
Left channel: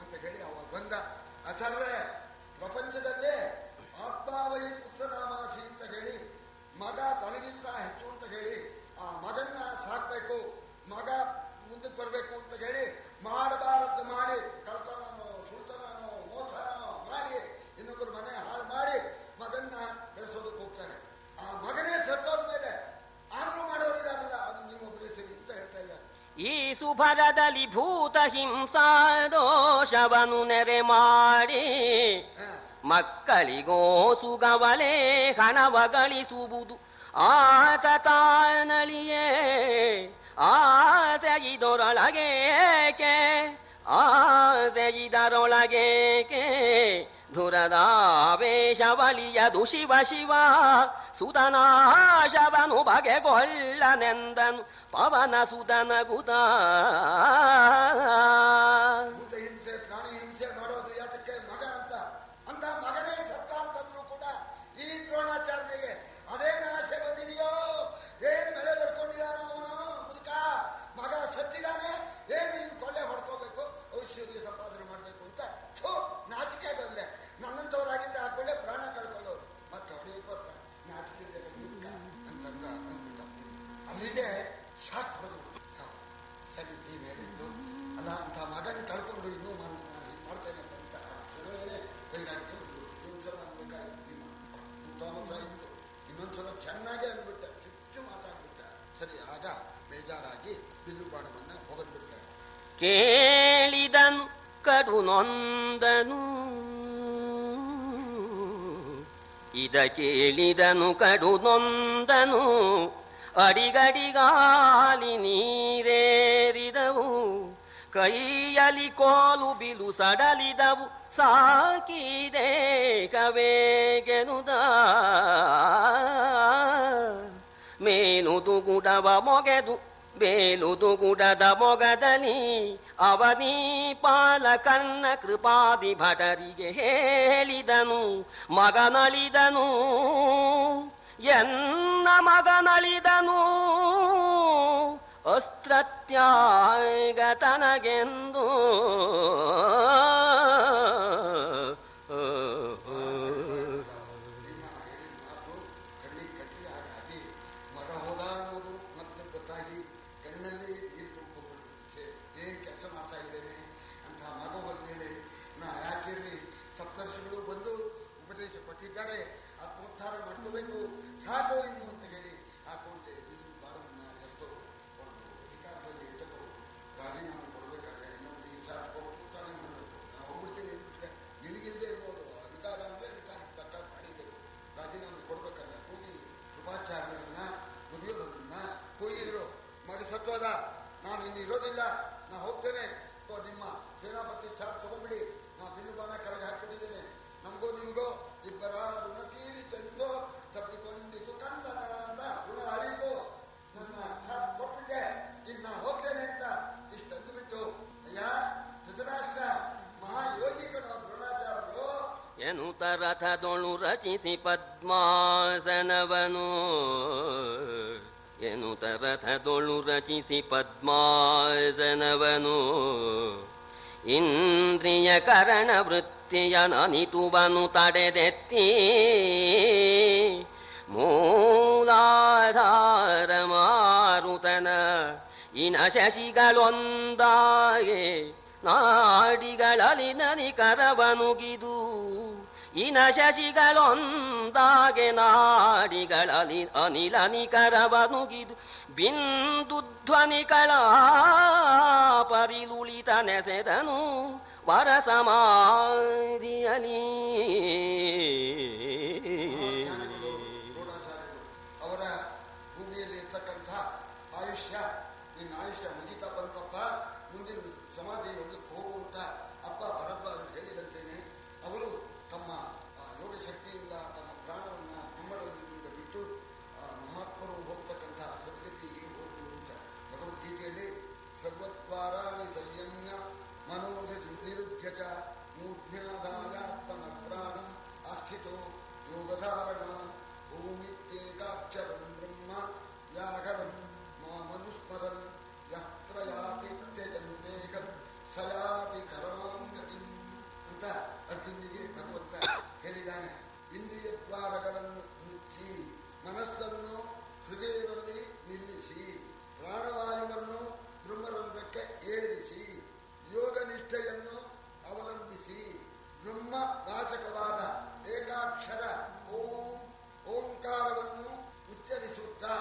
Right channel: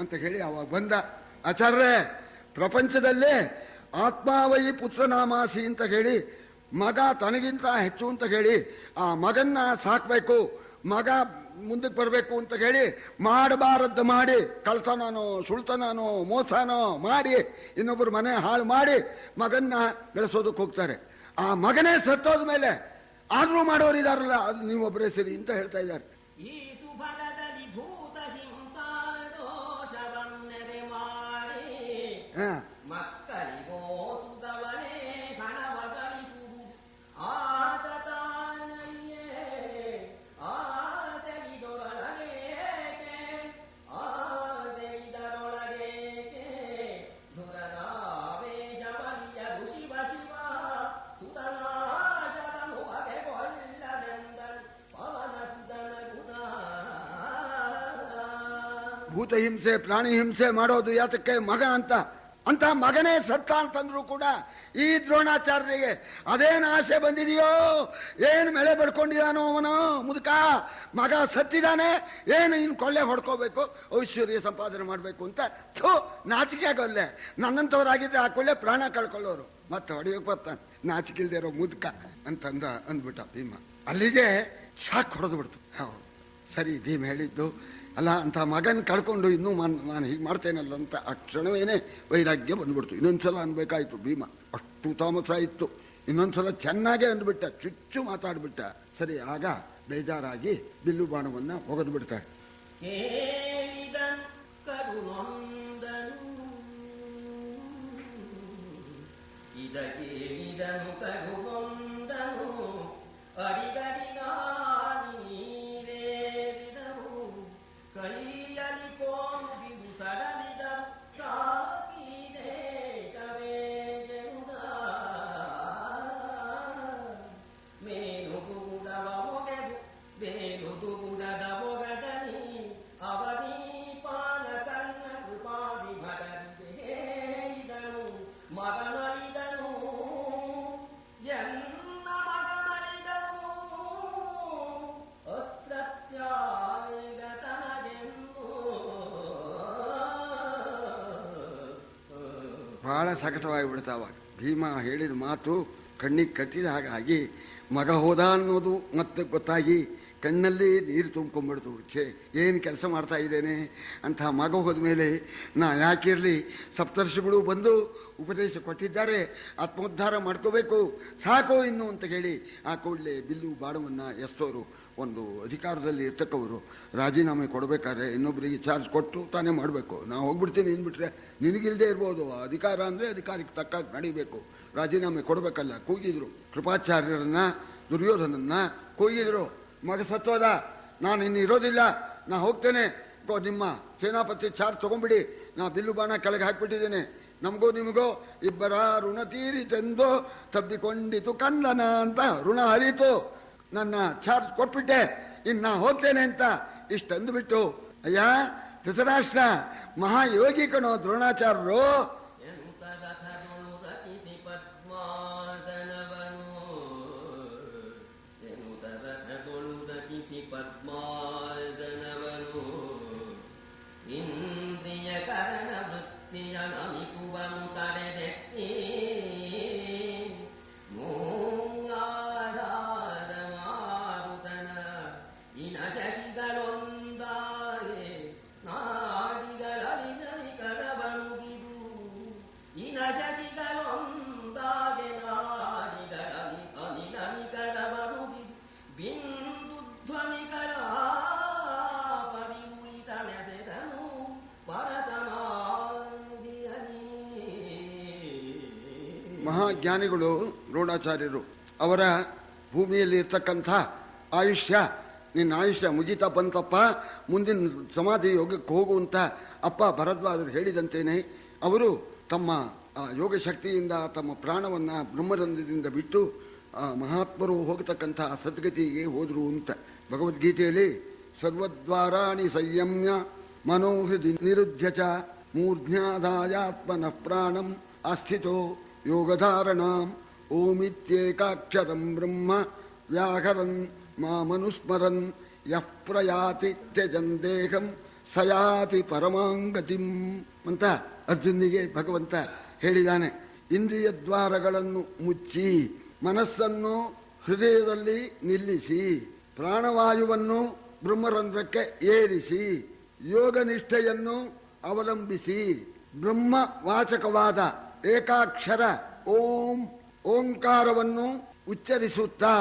ಅಂತ ಹೇಳಿ ಅವಾಗ ಬಂದ. ಆಚಾರ್ಯರೇ, ಪ್ರಪಂಚದಲ್ಲೇ ಆತ್ಮಾವೈ ಪುತ್ರನಾಮಾಸಿ ಅಂತ ಹೇಳಿ ಮಗ ತನಗಿಂತ ಹೆಚ್ಚು ಅಂತ ಹೇಳಿ ಆ ಮಗನ್ನ ಸಾಕ್ಬೇಕು, ಮಗ ಮುಂದಕ್ಕೆ ಬರಬೇಕು ಅಂತ ಹೇಳಿ ಮಾಡಬಾರದ್ದು ಮಾಡಿ, ಕಳ್ತನನೋ ಸುಳ್ತನನೋ ಮೋಸನೋ ಮಾಡಿ ಇನ್ನೊಬ್ಬರು ಮನೆ ಹಾಳು ಮಾಡಿ ಮಗನ್ನ ಬೆಳೆಸೋದಕ್ಕೆ ಹೋಗ್ತಾರೆ. ಆ ಮಗನೇ ಸತ್ತೋದ ಮೇಲೆ ಆದ್ರೂ ಮಾಡೋರಿದಾರಲ್ಲ, ಅದು ನೀವೊಬ್ಬರೇ ಸರಿ ಅಂತ ಹೇಳ್ತಾ ಇದ್ದಾರೆ. ಈ ಸುಭರದಲ್ಲಿ ಭೂತ ಹಿಂಸಾ ದೋಷವನ್ನು ನೆರೆ ಮಾಡಿ ಮಕ್ಕಳಿಗೋ ಸುಗವಲೆ ಹಣವ ಗಳಿಸುವುದು ಆತ ತಾನಳಿಯೇ ಆಸೆಯಿದೊರೊಳಗೇಕೆ ಆಸೆಯಿದರೊಳಗೇಕೆ ಧುರದಾವೇಶವಲಿಯದು ಶಿವ ಶಿವ ಸುತನಾಶವನು ಬಗೆಗೊಳ್ಳನೆಂದನು ಪವನ ಸುತನಗುತ. ಭೂತ ಹಿಂಸೆ ಪ್ರಾಣಿ ಹಿಂಸೆ ಮಾಡೋದು ಯಾತಕ್ಕೆ? ಮಗ ಅಂತ ಅಂತ ಮಗನೇ ಸತ್ತ ಅಂತಂದ್ರು ಕೂಡ ಈ ದ್ರೋಣಾಚಾರ್ಯರಿಗೆ ಅದೇನು ಆಸೆ ಬಂದಿದೆಯೋ, ಏನು ಬೆಳೆ ಬಡ್ಕೊಂಡಿದಾನೋ ಅವನು ಮುದುಕ, ಮಗ ಸತ್ತಿದ್ದಾನೆ, ಏನು ಇನ್ನು ಕೊಳ್ಳೆ ಹೊಡ್ಕೋಬೇಕು, ಐಶ್ವರ್ಯ ಸಂಪಾದನೆ ಮಾಡಬೇಕು ಅಂತ ನಾಚಿಕೆ ಆಗೋಲ್ಲೆ. ನನ್ನಂಥವ್ರಾಗಿದ್ದರೆ ಆ ಕೊಳ್ಳೆ ಪ್ರಾಣ ಕಳ್ಕೊಳ್ಳೋರು, ಮತ್ತೆ ಹೊಡೆಯೋಕೆ ಬರ್ತಾನೆ ನಾಚಿಕೆ ಇಲ್ದೇ ಇರೋ ಮುದುಕ ಅಂದ್ಬಿಟ್ಟ ಭೀಮ. ಅಲ್ಲಿಗೆ ಶಾಕ್ ಹೊಡೆದು ಬಿಡ್ತು. ಹೌದು ಸರಿ, ಭೀಮ ಹೇಳಿದ್ದು ಅಲ್ಲ ಅಂತ ಮಗನ ಕಳ್ಕೊಂಡು ಇನ್ನೂ ನಾನು ಹೀಗೆ ಮಾಡ್ತೇನಲ್ಲ ಅಂತ ಆ ಕ್ಷಣವೇನೆ ವೈರಾಗ್ಯ ಬಂದ್ಬಿಡ್ತು. ಇನ್ನೊಂದ್ಸಲ ಅನ್ಬೇಕಾಯ್ತು ಭೀಮ, ಅಷ್ಟು ತಾಮಸ ಇತ್ತು. ಇನ್ನೊಂದ್ಸಲ ಚೆನ್ನಾಗೇ ಅಂದ್ಬಿಟ್ಟ, ಚುಚ್ಚು ಮಾತಾಡ್ಬಿಟ್ಟ. ಸರಿ, ಆಗ ಬೇಜಾರಾಗಿ ಬಿಲ್ಲು ಬಾಣವನ್ನ ಒಗೆದು ಬಿಡ್ತಾರೆ. ಕೇಳಿದನು ಕಡು ನೊಂದನು, ಇದ ಕೇಳಿದನು ಕಡು ನೊಂದನು, ಅಡಿಗಡಿಗಾಲಿ ನೀರೇರಿದವು, ಕೈಯಲ್ಲಿ ಕೋಲು ಬಿಲು ಸಡಲಿದವು, ಸಾಕಿದೆ ಕವೇಗೆನುದ ಮೇಲುದು ಗುಡವ ಮೊಗೆದು ಬೇಲುದು ಗುಡದ ಮೊಗದಲ್ಲಿ ಅವನಿ ಪಾಲಕನ್ನ ಕೃಪಾದಿ ಭಟರಿಗೆ ಹೇಳಿದನು, ಮಗನಳಿದನು ಎನ್ನ ಮಗನಳಿದನು ಅಸ್ತ್ರತ್ಯಾಗ ತನಗೆಂದು. ಬಹಳ ಸಕಟವಾಗಿ ಬಿಡ್ತಾವ. ಭೀಮ ಹೇಳಿದ ಮಾತು ಕಣ್ಣಿಗೆ ಕಟ್ಟಿದ ಹಾಗಾಗಿ ಮಗ ಹೋದ ಅನ್ನೋದು ಮತ್ತೆ ಗೊತ್ತಾಗಿ ಕಣ್ಣಲ್ಲಿ ನೀರು ತುಂಬ್ಕೊಂಡ್ಬಿಡ್ತು. ಛೇ, ಏನು ಕೆಲಸ ಮಾಡ್ತಾ ಇದ್ದೇನೆ ಅಂತ ಮಗ ಹೋದ ಮೇಲೆ ನಾ ಯಾಕಿರಲಿ, ಸಪ್ತರ್ಷಿಗಳು ಬಂದು ಉಪದೇಶ ಕೊಟ್ಟಿದ್ದಾರೆ, ಆತ್ಮೋದ್ಧಾರ ಮಾಡ್ಕೋಬೇಕು, ಸಾಕು ಇನ್ನು ಅಂತ ಹೇಳಿ ಆ ಕೂಡಲೇ ಬಿಲ್ಲು ಬಾಣವನ್ನು ಎಸ್ತೋರು ಒಂದು ಅಧಿಕಾರದಲ್ಲಿ ಇರ್ತಕ್ಕವರು ರಾಜೀನಾಮೆ ಕೊಡಬೇಕಾದ್ರೆ ಇನ್ನೊಬ್ಬರಿಗೆ ಚಾರ್ಜ್ ಕೊಟ್ಟು ತಾನೇ ಮಾಡಬೇಕು. ನಾವು ಹೋಗ್ಬಿಡ್ತೀನಿ ಅಂದ್ಬಿಟ್ರೆ ನಿನಗಿಲ್ಲದೆ ಇರ್ಬೋದು, ಅಧಿಕಾರ ಅಂದರೆ ಅಧಿಕಾರಕ್ಕೆ ತಕ್ಕಾಗಿ ನಡೀಬೇಕು, ರಾಜೀನಾಮೆ ಕೊಡಬೇಕಲ್ಲ. ಕೂಗಿದ್ರು ಕೃಪಾಚಾರ್ಯರನ್ನ, ದುರ್ಯೋಧನನ್ನ ಕೂಗಿದ್ರು. ಮಗ ಸತ್ತೋದ, ನಾನು ಇನ್ನು ಇರೋದಿಲ್ಲ, ನಾ ಹೋಗ್ತೇನೆ, ನಿಮ್ಮ ಸೇನಾಪತಿ ಚಾರ್ಜ್ ತೊಗೊಂಡ್ಬಿಡಿ, ನಾ ಬಿಲ್ಲು ಬಾಣ ಕೆಳಗೆ ಹಾಕಿಬಿಟ್ಟಿದ್ದೇನೆ, ನಮಗೂ ನಿಮಗೋ ಇಬ್ಬರ ಋಣ ತೀರಿತೆಂದು ತಬ್ಬಿಕೊಂಡಿತು ಕಂದನ ಅಂತ ಋಣ ಹರಿತು, ನನ್ನ ಚಾರ್ಜ್ ಕೊಟ್ಬಿಟ್ಟೆ, ಇನ್ನು ನಾ ಹೋಗ್ತೇನೆ ಅಂತ ಇಷ್ಟಂದುಬಿಟ್ಟು, ಅಯ್ಯ ಧೃತರಾಷ್ಟ್ರ ಮಹಾಯೋಗಿ ಕಣೋ ದ್ರೋಣಾಚಾರ್ಯರು. ಎನ್ನುತ್ತ ರಥದೊಳು ರಚಿಸಿ ಪದ್ಮಾಸನವನು, ಎನ್ನುತ್ತ ರಥದೊಳು ರಚಿಸಿ ಪದ್ಮಾಸನವನು, ಇಂದ್ರಿಯ ಕರಣ ವೃತ್ತಿಯ ನನಿತುವನು ತಡೆದೆತ್ತಿ, ಮೂಲಾಧಾರ ಮಾರುತನ ಇನ ಶಶಿಗಳೊಂದಾಗೆ ನಾಡಿಗಳಲ್ಲಿ ನನಿಕರವನುಗಿದು, ಇನ ಶಶಿಗಳೊಂದಾಗೆ ನಾಡಿಗಳಲ್ಲಿ ಅನಿಲನಿಕರವನುಗಿದು, ಬಿಂದು ಧ್ವನಿಗಳ ಪರಿಲುಳಿತ ನೆಸೆದನು ವರಸಮಾಧಿಯಲಿ. ಮಹಾಜ್ಞಾನಿಗಳು ದ್ರೋಣಾಚಾರ್ಯರು, ಅವರ ಭೂಮಿಯಲ್ಲಿ ಇರ್ತಕ್ಕಂಥ ಆಯುಷ್ಯ, ನಿನ್ನ ಆಯುಷ್ಯ ಮುಗಿತಾ ಬಂತಪ್ಪ, ಮುಂದಿನ ಸಮಾಧಿ ಯೋಗಕ್ಕೆ ಹೋಗುವಂತ ಅಪ್ಪ ಭರದ್ವಾಜರು ಹೇಳಿದಂತೇನೆ ಅವರು ತಮ್ಮ ಯೋಗ ಶಕ್ತಿಯಿಂದ ತಮ್ಮ ಪ್ರಾಣವನ್ನು ಬ್ರಹ್ಮರಂಧ್ರದಿಂದ ಬಿಟ್ಟು ಮಹಾತ್ಮರು ಹೋಗತಕ್ಕಂಥ ಸದ್ಗತಿಗೆ ಹೋದರು ಅಂತ ಭಗವದ್ಗೀತೆಯಲ್ಲಿ ಸರ್ವದ್ವಾರಾಣಿ ಸಂಯಮ್ಯ ಮನೋಹೃದಿ ನಿರುದ್ಯ ಚ ಮೂರ್ಧ್ಯಾಧಾಯಾತ್ಮನಃ ಪ್ರಾಣಂ ಆಸ್ಥಿತೋ ಯೋಗಧಾರಣಾಂ ಓಮಿತ್ಯೇಕಾಕ್ಷರಂ ಬ್ರಹ್ಮ ವ್ಯಾಕರನ್ ಮಾಮನುಸ್ಮರನ್ ಯಃ ಪ್ರಯಾತಿ ತ್ಯಜನ್ ದೇಹಂ ಸಯಾತಿ ಪರಮಾಂಗತಿಂ ಅಂತ ಅರ್ಜುನಿಗೆ ಭಗವಂತ ಹೇಳಿದ್ದಾನೆ. ಇಂದ್ರಿಯ ದ್ವಾರಗಳನ್ನು ಮುಚ್ಚಿ ಮನಸ್ಸನ್ನು ಹೃದಯದಲ್ಲಿ ನಿಲ್ಲಿಸಿ ಪ್ರಾಣವಾಯುವನ್ನು ಬ್ರಹ್ಮರಂಧ್ರಕ್ಕೆ ಏರಿಸಿ ಯೋಗನಿಷ್ಠೆಯನ್ನು ಅವಲಂಬಿಸಿ ಬ್ರಹ್ಮ ವಾಚಕವಾದ ಏಕಾಕ್ಷರ ಓಂ ಓಂಕಾರವನ್ನು ಉಚ್ಚರಿಸುತ್ತಾ,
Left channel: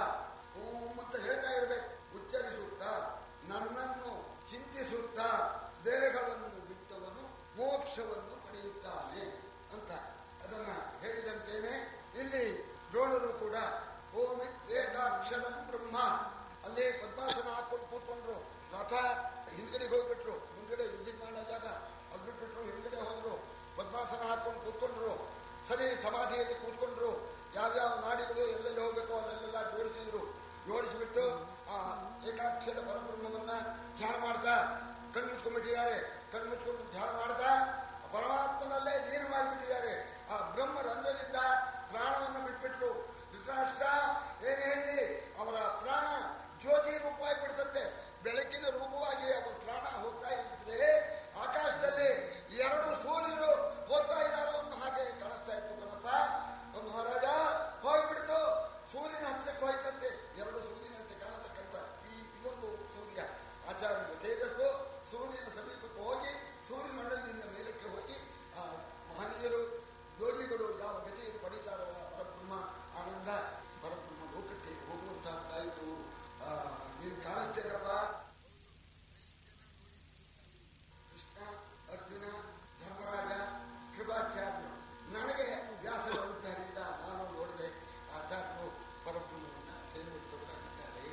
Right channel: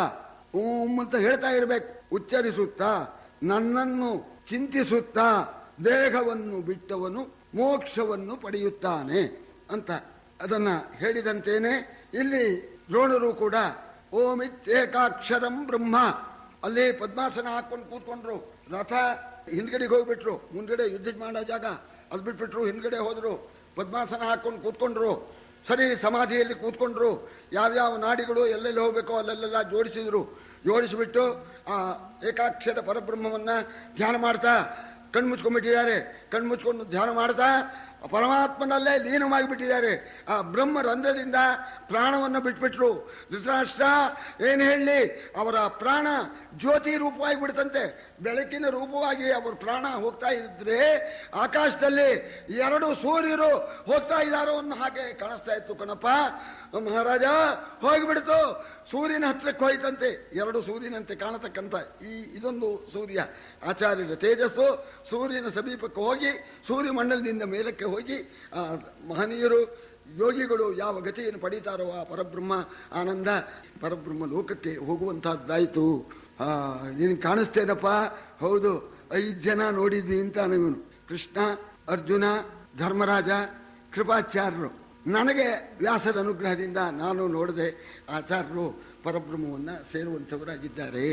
ಓಂ ಅಂತ ಹೇಳ್ತಾ ಇರಬೇಕು, ಉಚ್ಚರಿಸುತ್ತಾ ನನ್ನನ್ನು ಚಿಂತಿಸುತ್ತಾ ದೇಹವನ್ನು ಬಿಟ್ಟವನು ಮೋಕ್ಷವನ್ನು ಪಡೆಯುತ್ತಾನೆ ಅಂತ ಅದನ್ನ ಹೇಳಿದಂತೇನೆ ಇಲ್ಲಿ ದ್ರೋಣರು ಕೂಡ ಓಮಿತ್ಯೇಕಾಕ್ಷರಂ ಬ್ರಹ್ಮ ಅಲ್ಲಿ ಪದ್ಮಾಸನ ಹಾಕೊಂಡು ಕೂತ್ಕೊಂಡ್ರು. ರಥ ಹಿಂದ್ಗಡೆಗೆ ಹೋಗ್ಬಿಟ್ರು, ಮುಂದ್ಗಡೆ ಯುದ್ಧ ಮಾಡೋ ಜಾಗ ಅದು ಬಿಟ್ಬಿಟ್ರು, ಹಿಂದ್ಗಡೆ ಹೋದ್ರು, ಪದ್ಮಾಸನ ಹಾಕೊಂಡು ಕೂತ್ಕೊಂಡ್ರು. ಸರಿ, ಸಮಾಧಿಯಲ್ಲಿ ಕೂತ್ಕೊಂಡ್ರು. ಯಾವ್ಯಾವ ನಾಡಿಗಳು ಎಲ್ಲೆಲ್ಲಿ ಹೋಗ್ಬೇಕೋ ಅಲ್ಲೆಲ್ಲ ಜೋಡಿಸಿದ್ರು. ಜೋಡಿಸಿಬಿಟ್ಟು ಆ ಏಕಾಕ್ಷರ ಪರಬ್ರಹ್ಮವನ್ನ ಧ್ಯಾನ ಮಾಡ್ತಾ ಕಣ್ಮುಚ್ಕೊಂಡ್ಬಿಟ್ಟಿದ್ದಾರೆ. ಕಣ್ಮುಚ್ಕೊಂಡು ಧ್ಯಾನ ಮಾಡ್ತಾ ಪರಮಾತ್ಮನಲ್ಲೇ ಲೀನವಾಗಿಬಿಟ್ಟಿದ್ದಾರೆ. ಆ ಬ್ರಹ್ಮ ರಂಧ್ರದಿಂದ ಪ್ರಾಣವನ್ನು ಬಿಟ್ಬಿಟ್ರು. ಧೃತರಾಷ್ಟ್ರ ಏನು ಹೇಳಲಿ, ಅವರ ಪ್ರಾಣ ಜ್ಯೋತಿ ರೂಪವಾಗಿ ಬಿಡ್ತಂತೆ. ಬೆಳಕಿನ ರೂಪವಾಗಿ ಅವರ ಪ್ರಾಣ ಹೋಗ್ತಾ ಇದ್ರೆ ಆಕಾಶದಲ್ಲಿ 2 ಸೂರ್ಯರು ಹೋಗ್ತಾ ಇದ್ದಾರೋ ಅನ್ನೋ ಹಾಗೆ ಕಾಣಿಸ್ತಾ ಇತ್ತು ಕಣಪ್ಪ. ಮಹಾರಾಜ ಹೋಗಿಬಿಡ್ತು, ಸೂರ್ಯನ ಹತ್ರಕ್ಕೆ ಹೋಯ್ತಂತೆ. 2 ಸೂರ್ಯನಂತೆ ಕಾಣತಕ್ಕಂಥ ಇದೊಂದು ಸೂರ್ಯ, ಆಚಾರ್ಯರ ತೇಜಸ್ಸು ಸೂರ್ಯನ ಸಮೀಪಕ್ಕೆ ಹೋಗಿ ಸೂರ್ಯಮಂಡಲದಿಂದ ಮೇಲಕ್ಕೆ ಹೋಗಿ ಆ ಮಹನೀಯರು ಯೋಗಿಗಳು ಯಾವ ಗತಿಯನ್ನು ಪಡೀತಾರೋ ಆ ಪರಬ್ರಹ್ಮ ಆನಂದ ಪರಬ್ರಹ್ಮ ಲೋಕಕ್ಕೆ ಹೋಗುವಂತಹದ್ದಾಯಿತು. ನಿನಗೆ ಕಾಣಿಸ್ತೇನಪ್ಪ? ಹೌದು, 5 ಜನ ನೋಡಿದ್ವಿ ಅಂತ ಇವನು, ಕೃಷ್ಣ, ಅರ್ಜುನ, ಧರ್ಮರಾಜ, ಕೃಪಾಚಾರ್ಯರು. ನನಗೆ ವ್ಯಾಸರ ಅನುಗ್ರಹದಿಂದ ನಾನು ನೋಡಿದೆ ಆಚಾರ್ಯರು ಪರಬ್ರಹ್ಮವನ್ನು ಸೇರುವಂಥವರಾಗಿದ್ದಾರೆ.